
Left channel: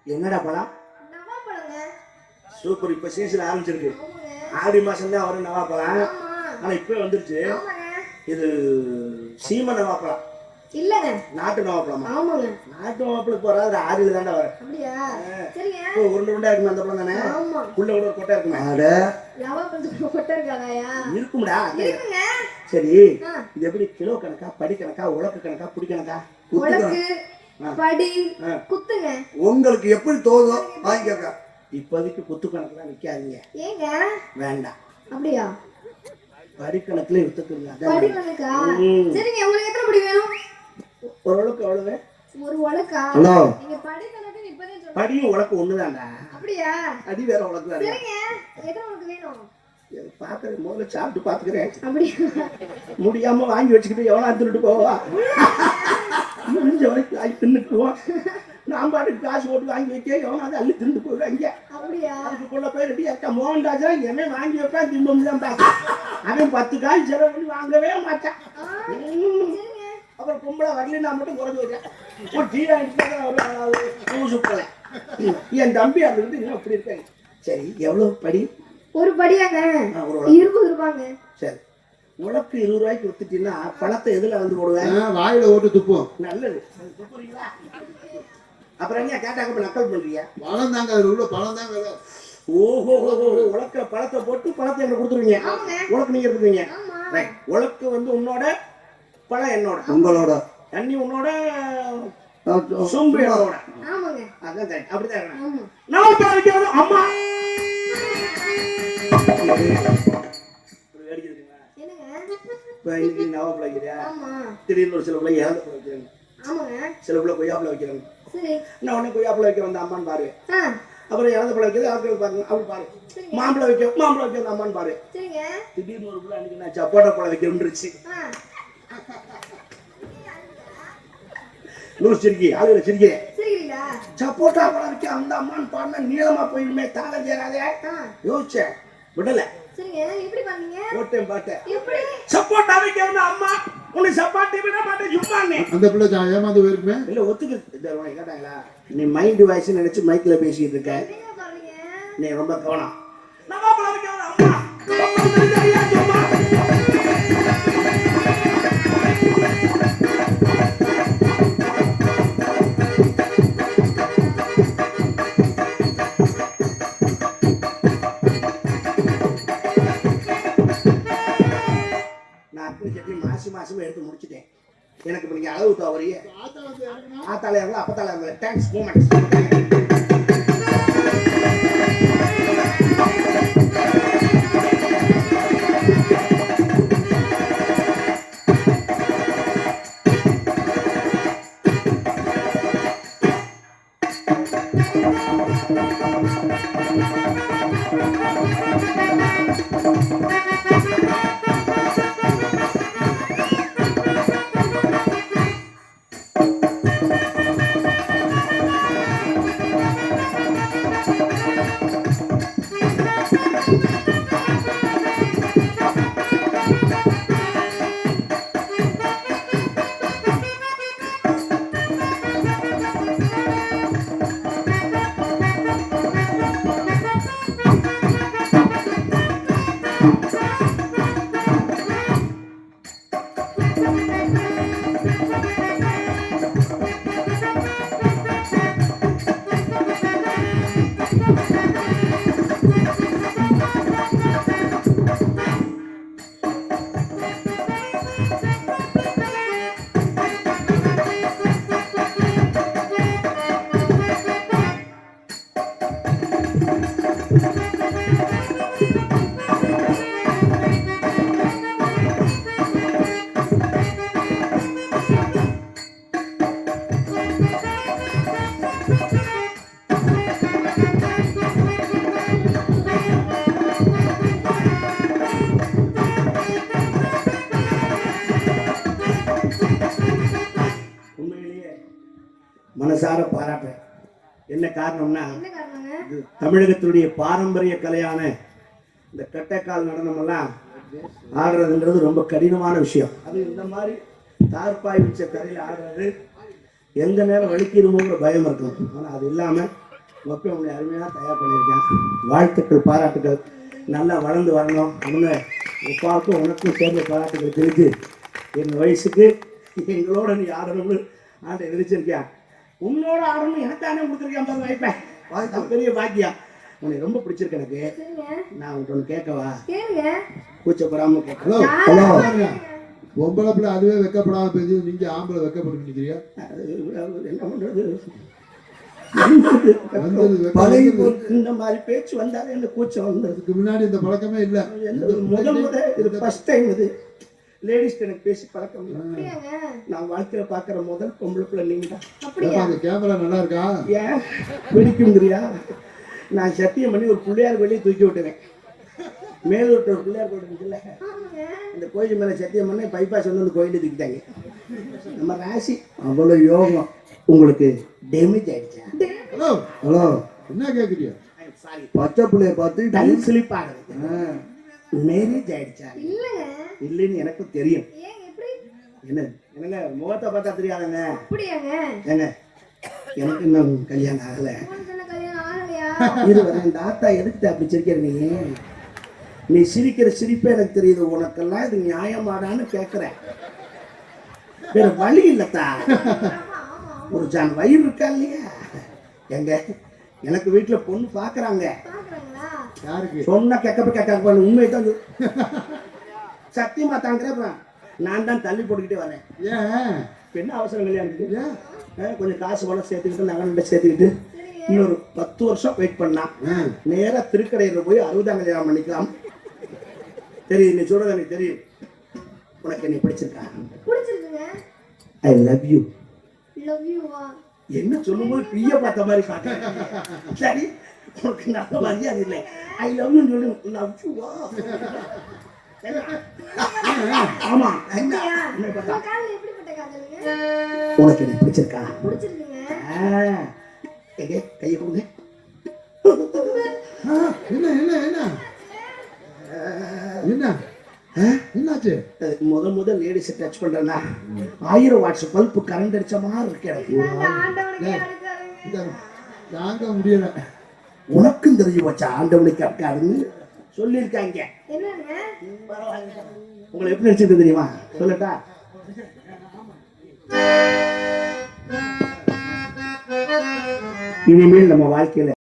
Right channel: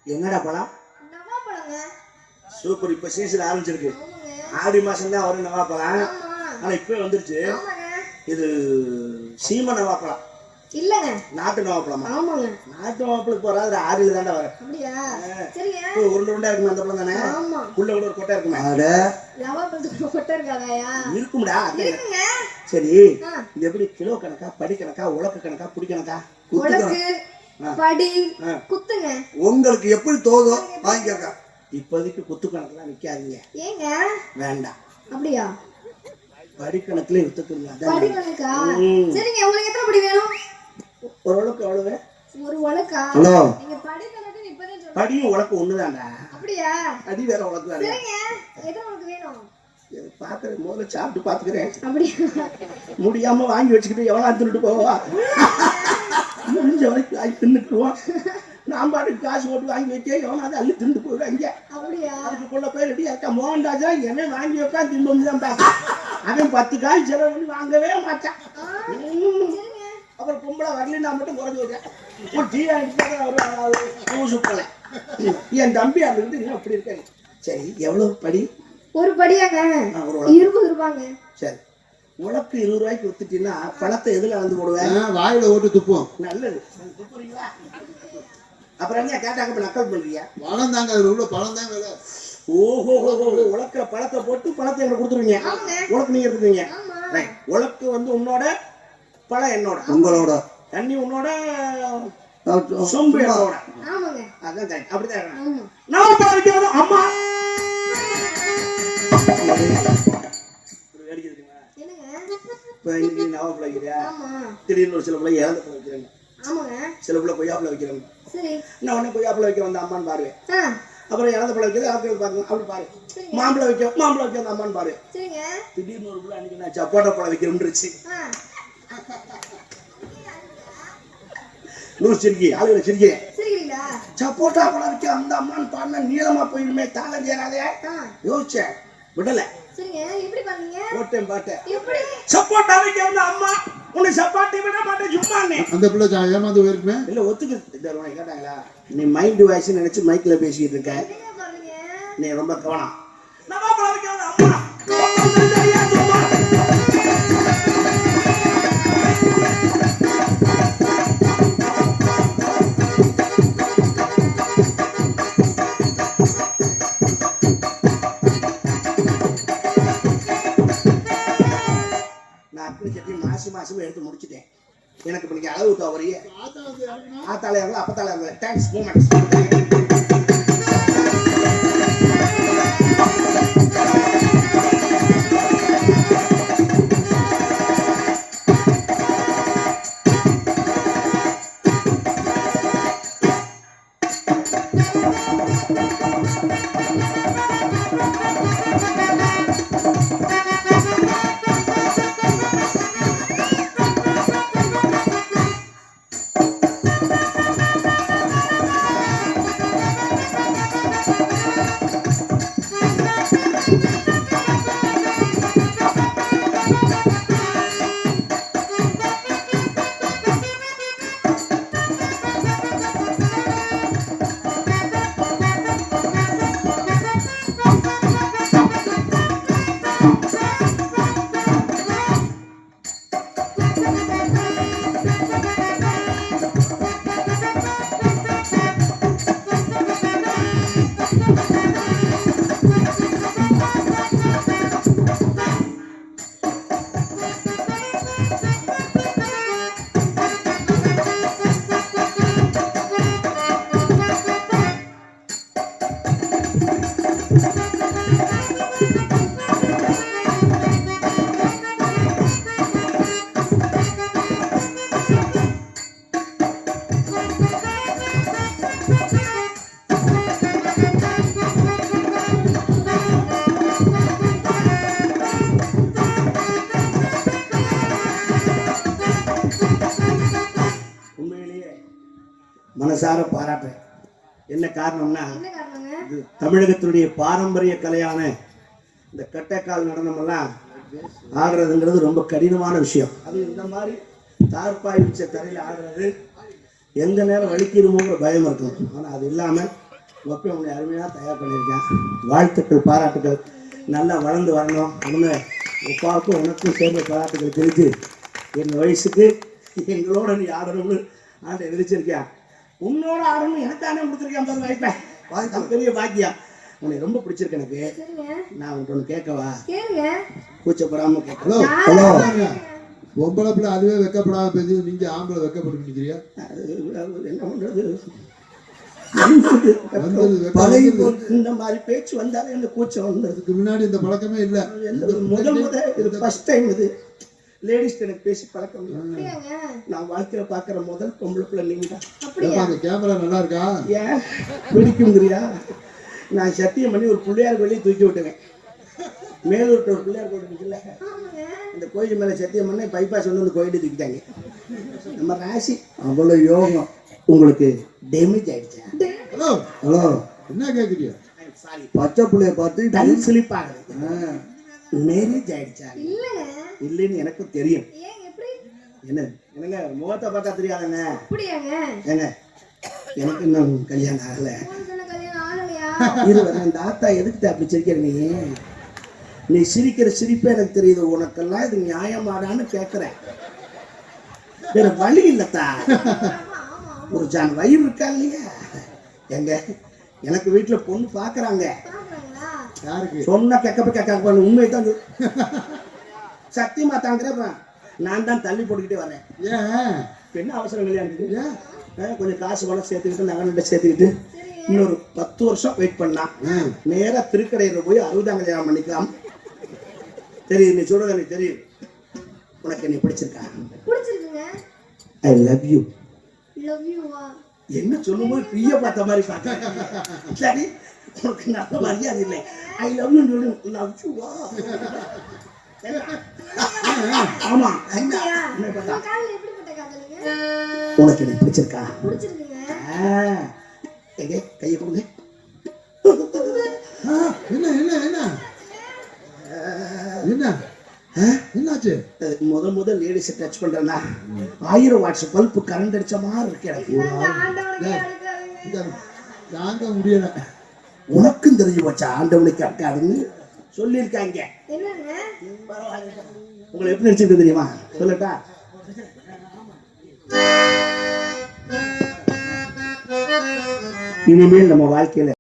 A: என்னடா பழம் சூப்பர். இப்ப சீசன் ஆரம்பிச்சிருக்கு. ஆடி மாசம் தான் வரும் நவாப்பழம்
D: ஆமா.
A: ஆனா இப்ப வந்துருச்சு. இது சீம நவாப்பழம்
D: இல்லங்க.
A: நாட்டு நவாப்பழமா
D: ஆமாங்க.
A: நாட்டு நவாப்பழம் போறாது ஆறில் தாண்டா வர உருண்டை உருண்டா இருக்குமே அந்த பழம் தானே?
D: ஆமா.
A: உள்ள கூட ஒரு கொட்டை இருக்குமே?
C: அட
D: நவாப்பழத்துக்கு கொட்டை இருக்காதாயா?
A: இருக்கும்டா சரி. இது எப்படி கிலோ கணக்கா படி கணக்கா உலக்கு கணக்கா புடி கணக்கா?
D: படி. குத்துங்க.
C: உங்களுக்கு எப்படி தோதோ வாங்கிக்கங்க
A: இப்போதைக்கு குத்து கணக்குலாம் நிக்காதீங்க.
D: ஏங்க?
A: வேண்டாம்
D: அப்படியா?
A: படி கணக்குல வித்துக்குங்க
D: படி
A: அதான்
D: கணக்கா
A: ம்.
D: சரிங்க உங்களுக்கு எத்தனை படி வேணும்?
A: ஓரளவுக்கு எவ்வளவு?
D: ஒரு உலக்கா?
C: ஹலோ.
D: நீங்க படி கணக்குன்னு இப்பதான்
A: படியும் உலக்கு ஒண்ணுதான்டா.
D: அப்படியா?
A: அடி வேற உலக்கு வேற.
D: சரிங்க. எத்தனை உனக்கு வேணும்?
A: பாக்குறேன் முதல்ல சாப்பிட்டு பாத்துக்கிறேன் முடியாம வாங்கி வச்சுக்கிட்டு எவ்வளோ தின்னுட்டு போவா முடிஞ்ச வரைக்கும் வாங்கி தின்னுக்குவோம் நான் பாட்டுக்கு காசு போட்டு வாங்கி வைக்க எவனாவது அள்ளி போவாங்க
D: அப்படியா
A: அதுக்குள்ள போய் ரெடி அக்கா மோகன்ராஜா என்ன வாங்கி வைப்பேன் தின்பம் தான் பார்க்க அவன் பத்து காய் செலவு பண்ணி வாங்கவே மாட்டான் அப்புறம் பொம்பளை வரலன்னா மட்டும் குறைஞ்சு வச்சேன் ஒரு டீ பூ சுத்தலை என் தம்பி அது வந்து இன்னும் அப்படி இருக்காங்க சரி எவ்வளவு படி
D: ஒரு படியாங்க.
A: உலக்கு.
D: இருபது ரூபாங்க.
A: சரி. உனக்கு இருபது ரூபாய்க்கு வித்துட்டீங்கன்னா பணத்தை எதுல அளந்து போடுவேன்
B: வாயில ஓட்டு துப்போம்
A: நல்லது. துப்புறீங்களா? அப்புறம் என்ன கேட்டாங்க இப்ப நக்கல் பண்றீங்க
B: பழம் தாங்க அதுல உள்ள பழம் தாங்க.
A: ஓஹோ உலக்கிற பழத்தை போட்டு பழத்தை எனக்கு கொடுத்துருவீங்க. உனக்கு நீங்க எடுத்துருவீங்க. உலக்கு வந்து உன்னோட பழம் என்னோட.
C: உங்களோட.
A: தண்ணி உன்னோட சொம்பு என்னோட. அப்படிதான் அம்மா! இப்ப இன்னைக்கு வைக்கிறியா திடீர்னு ஒரு சில பிள்ளை இறந்த வைக்கிறாங்க சில பிள்ளை கொய்யாப்பழம் வைக்கிறாங்க நான் உடனே கொய்யாப்பழம் வைக்க வந்த அம்மான்னு பாரு அப்புறம் இறந்த பழம் வைக்கிறது அவர்கள் பாருங்க அப்படி பாரு மாம்பழம் வைக்க மாம்பழம் வைக்க அம்மான்னு பாரு திடீர்னு ஒரு பிள்ளை அன்னைக்கு நான் சப்போட்டா பழம் வைக்கிறேன்னுருச்சு
D: ஆ
A: நூறு சிரிக்கி ஆளுகளை சிரிக்கிறேன்
D: சரிங்களா
A: சப்போட்டா பழம் வைக்க அந்த அம்மான்னு பாடினா நீளமா போயிடுமே தாள தேராதே
D: ஆ.
A: யோசிச்சேன். விடல.
D: சரிங்க எப்படி பண்ணீங்க?
A: போட்டேன் பாட்டேன்.
D: எப்படி?
A: சப்போட்டா வைக்க வந்த அம்மா உன்னை சப்பாத்தி விட மாட்டேன்
B: அந்த பிள்ளை ஏமாந்து போயிருக்குமே?
A: இல்ல ஒத்துக்கு இந்த உனக்கு கேட்டாங்களா? நீ மைண்ட் வாய்ஸ் நினைச்சு மைக்ல பேசிட்டு இருக்க. நீ ரொம்ப கவனம். அம்மா சட்டி மாசி மாசம் எடுத்து முடிச்சிட்டேன். எனக்கு இப்ப நீங்க அளவு தவறியே ஆத்தாலே இறங்கல அப்பத்தாலே இறங்கல தேங்க்ஸ் மூமெண்ட்ஸ் என்ன காரணம்னா இது தமிழகத்தினுடைய பாரம்பரிய கலையான இந்த கட்டைக்கால் நடனம் எல்லாம் ஆடுறதுங்கிறது ரொம்ப கடினமான விஷயம். அது இந்த மாதிரி தார்பாய் வச்ச தரையில் ஆடுறது எந்த நேரம் வலிக்கிறோங்கிற பயம் இருக்கும். ஆனால் அது இல்லாமல் ஒப்பை உன்னை அருமையாக தயார் பண்ணியிருக்கேன் வாழ்த்துக்கள் பாராட்டுகள் நல்லா வளர்ந்து வரணும். அவங்க உப்பாவுக்கும் உனக்கும் சேர்ந்த பாராட்டுகள் தெரிஞ்சு என் வயசுக்கு எங்களோட நீ ஆடணும்னு ஆண்டை விதிச்சிருக்கேன் உன்னோட ஆடணும் எனக்கானே கொடுத்துருக்கேன் பாருங்க வாய்ப்பேன் அது பெரிய பாக்கியம். உன்னை ரொம்ப பிடிச்சிருக்கு எனக்கு. நான் உன்கிட்ட ஒன்று கேட்கவா? கூச்சப்படாம
B: ஹலோ
A: கேட்கலாம்
B: ஹலோ. பொம்பளை பிள்ளை அதுவே வெக்கப்படாம பேசி நீங்க ஆம்பளை வெக்கப்பட்டு நிக்கிறியா
A: என்ன பண்றது. இந்த மாதிரி பேச்சு வந்தாலே இந்த கூச்சம் வந்தது.
B: இதுக்கு முன்னாடி இந்த பழக்கமே இல்ல.
A: முதல் முதல் இது ஃபர்ஸ்ட் டைம் இது. லேடிஸ் எனக்கு பேசி பழக்கம் நான் வாழ்க்கையில பாக்குற முதல் பொம்பளை பிள்ளை நீங்க தான்
B: அந்த கேமரா நல்லா இருக்கா?
A: ஏன்? பிடிக்குங்கிறியா நான் சத்தியம் பண்ணி ஒரு பிள்ளையார் வெளியே தூக்கி விட்டுவேன் மேலூர்ட்ட ஒரு பிள்ளையார் கோயில் இருக்குல்ல. இந்த கோயில் மேல சத்தியம் பண்ணி பைபாஸ் வந்து அந்த கோயிலை தூக்கிட்டாங்க. நம்ம ராசி. அவ்வளவு யோகம். உங்களுக்கு டேமேஜ் ஆயிடுச்சா?
B: ஹலோ
C: ஹலோ
B: என்ன கேக்குறியா
A: சாரி
C: பச்சை பிள்ளைய பார்த்து
A: டல் ஸ்லிப் ஆகுது.
C: ஆ,
A: மேரேஜ் ஆயிடுச்சா? இல்லைன்னு எனக்கு தெரியும். என்ன என்னங்க முகத்தை பார்த்தா தெரியாதுங்க. ஏங்க எனக்கு இன்னும் கல்யாணம் ஆகல. இந்த ஆத்தா எதுக்கு அப்படி சிரிக்கிற நீ? நீ சிரிக்கிற சிரிப்பே எனக்கு தெரியுது. உனக்கெல்லாம் இது நியாயமாடான்னு கேட்கிறேன் வேற வழி இல்லத்தா. ஒரு ஜான் வயிறு இருக்கா இல்லையா? எங்க எனக்கு வீட்டுல பொண்ணு பாக்குறாங்க.
D: பாக்குறாங்களா
B: யாருக்கு?
A: சொன்னா கேட்க கேட்க உண்மை தான். சத்தியமா தாங்கிறேன். நான் தான் தள்ளி போட்டுக்கிட்டே வரேன்.
B: ஏன்?
A: என்ன அவசரம் அஹ் கொஞ்சம் காசு பணம் சேர்த்துக்கிட்டு நகை சேர்த்துக்கிட்டு இன்னொரு பத்து வருஷம் வெயிட் பண்ணா நேரா திருக்கடையில் போய் அறுபதாம் கல்யாணம் பண்ணிக்கலாம். தெரியும் நீ சொல்றது எனக்கு தெரியும் உனக்கு என்னை பிடிச்சிருக்கா?
D: பிடிச்சிருக்குங்க.
A: ஐ லவ் யூ என்ன சொல்லும்போது பிய பார்த்த மாதிரி பார்த்தேன் சரி உனக்கு நல்ல மரியாதை இல்லை I love you love you ஆமா உனக்கு என்ன பிடிச்சிருக்கா? எங்க? கையை கொடுங்க.
B: என்ன என்ன என்ன? என்ன? என்னாச்சு?
A: முத முத லேடிஸை டச் பண்றேன்னா ஆயிரம் வாட்ஸ் பல்ப் கரண்ட் அடிச்ச மாதிரி இருக்கு எனக்கு.
B: தாங்க முடியல.
A: உனக்கும் தெரிஞ்சு வச்சா ஆண்டவனுக்கு அக்காதுன்னு சொல்லியிருக்காங்க. உங்களை எப்படி நடிச்சிருக்கு தெரியுமா? சொல்லட்டா? இனிமேல் நம்ம வாழ்க்கையில